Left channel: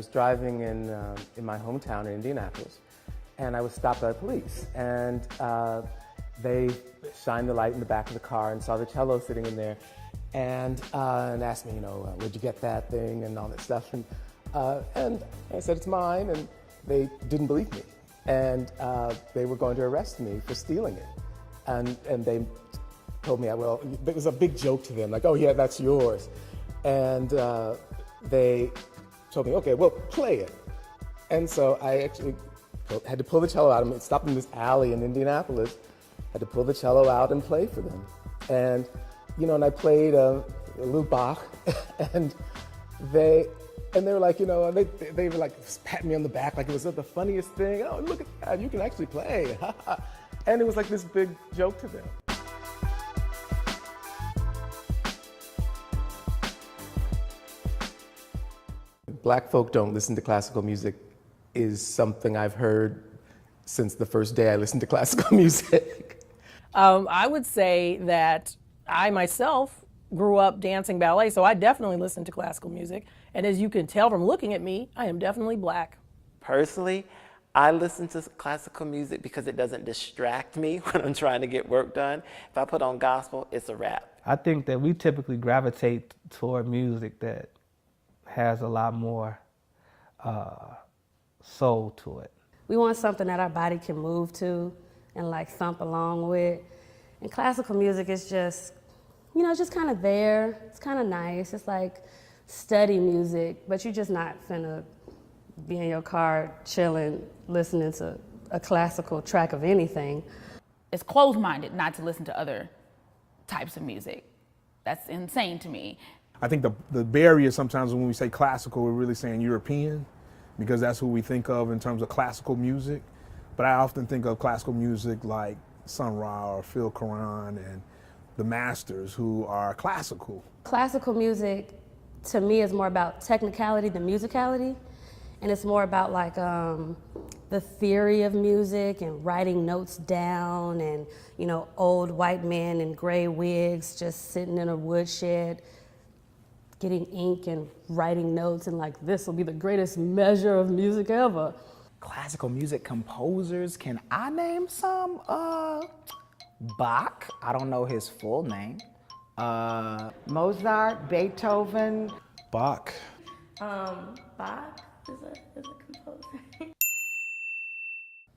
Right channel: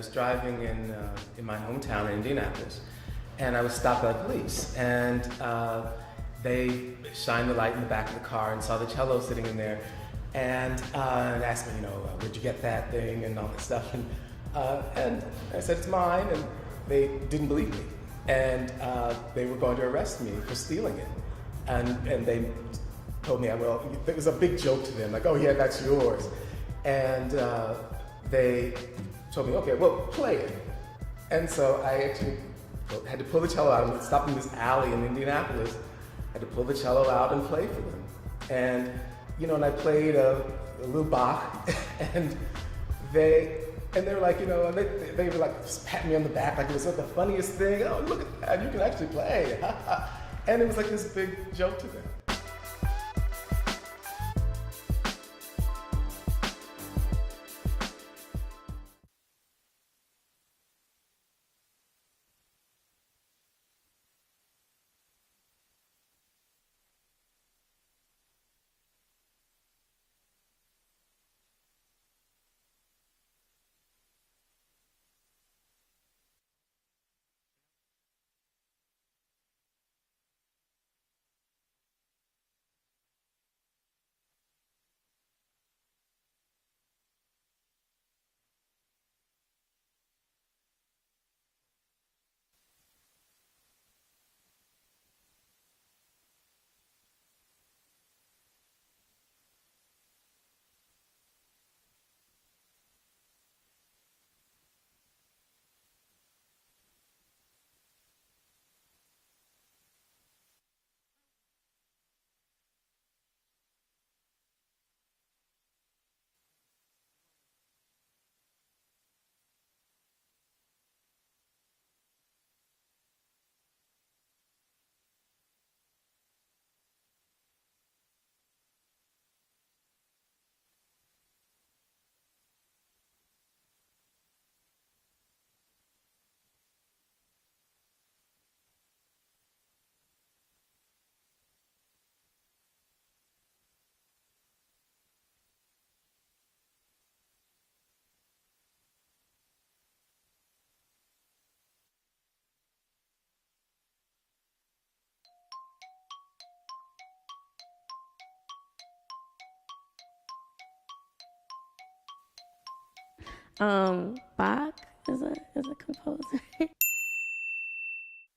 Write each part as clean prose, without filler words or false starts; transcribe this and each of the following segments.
was driving in my hometown in Indianapolis, and I was stopped by the police, and they shined the light in the back of the car and saw the cello sitting in there, and asked me, where'd you get that thing and all that stuff, and I said it's mine, and they didn't believe me, and they were going to arrest me for stealing it, and they told me, well, it was a big joke to them, like, oh yeah, that's yours, and they told me, okay, well, play it, and so I actually had to pull the cello out and stopped in this alley in Indianapolis. Had to pull the cello out and play for them, and and I played a little Bach, and they were like, they were like patting me on the back like it was the funniest thing. Oh, look at that, you can actually play, and it was like this big joke to them. Black folk don't listen to classical music is something I've heard since the first day I listened to classical music. I would say that I myself grew up dancing ballet, so I definitely listen to classical music. And as you can tell from looking at me, I am definitely Black. Personally, I listen to classical music because it doesn't distract me when I'm trying to get work done. If I put on gospel, it's a wrap. I think that we typically gravitate toward music that has a lot more soul to it. We want something that our body can move to and like thump along with. And classical music is just, just kind of there. It's kind of nice. It's like study music, but you're just not finna be in your car chilling, listening to a classical track of anything. It's closed-minded not to listen to other types of music. That's insane to me. I think the barrier sometimes when we say classical, we're really saying European, because that's who we think of in terms of classical music. But I often think of classical music like Sun Ra or Phil Karan and the masters who are classical. Classical music, to me, is more about technicality than musicality. And it's more about like the theory of music and writing notes down and, old white men in gray wigs just sitting in a woodshed getting ink and writing notes and like, this will be the greatest measure of music ever. Classical music composers, can I name some? Bach, I don't know his full name. Mozart, Beethoven. Bach. Bach is a composer.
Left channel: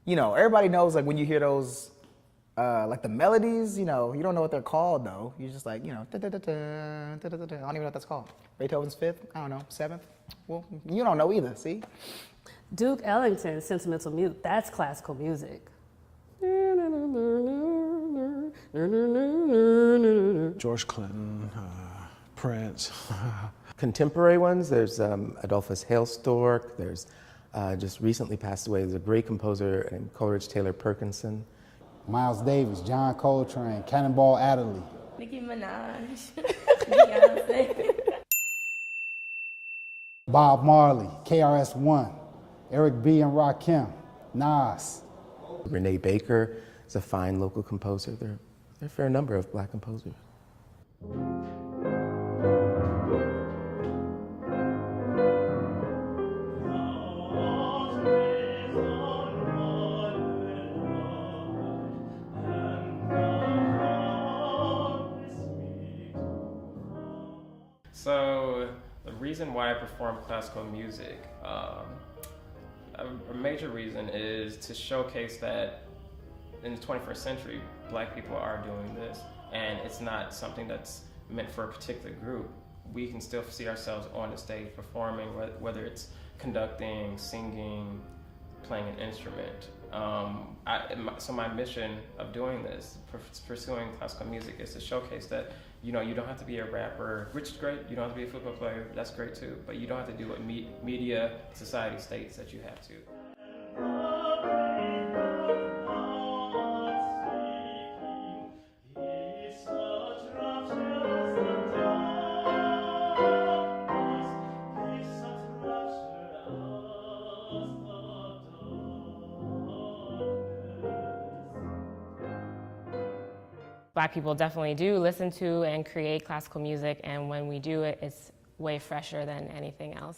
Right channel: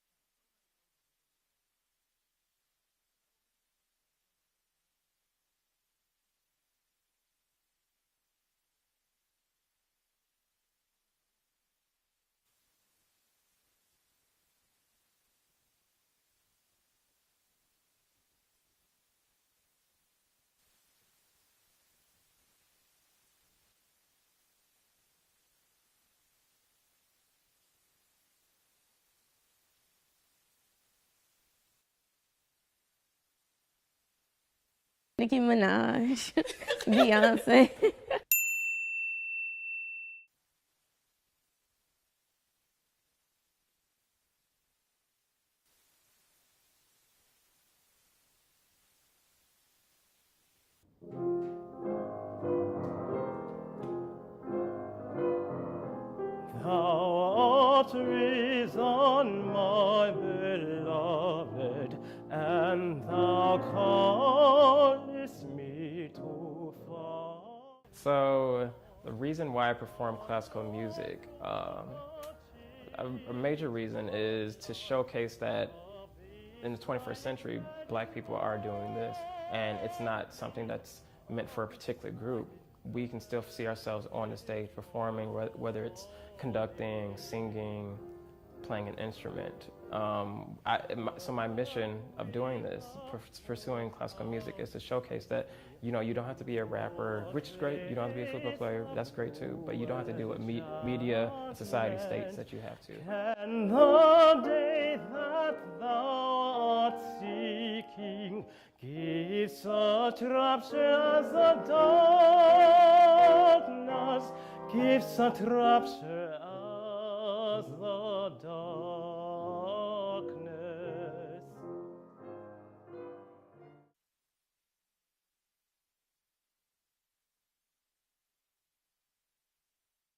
Everybody knows like when you hear those, like the melodies, you don't know what they're called though. You're just like, I don't even know what that's called. Beethoven's fifth, I don't know, seventh. Well, you don't know either, see? Duke Ellington's Sentimental Mute, that's classical music. George Clinton, Prince. Contemporary ones, there's Adolphus Hailstork, there's just recently passed away, there's a great composer named Coleridge Taylor Perkinson. Miles Davis, John Coltrane, Cannonball Adderley. Nicki Minaj, Beyonce. Bob Marley, KRS-One, Eric B. and Rakim, Nas. Renee Baker is a fine local composer. There are a fair number of Black composers. So the reason why I perform classical music, a major reason is to showcase that in the 21st century, Black people are doing this, and it's not something that's meant for a particular group. We can still see ourselves on the stage performing, whether it's conducting, singing, playing an instrument. So my mission of doing this, pursuing classical music, is to showcase that you don't have to be a rapper, which is great. You don't have to be a football player, that's great too. But you don't have to do what media, society states that you have to. And the day that thou art seeking gives such rapture as the darkness, gives such rapture as the Black people definitely do listen to and create classical music, and when we do it, it's way fresher than anything else.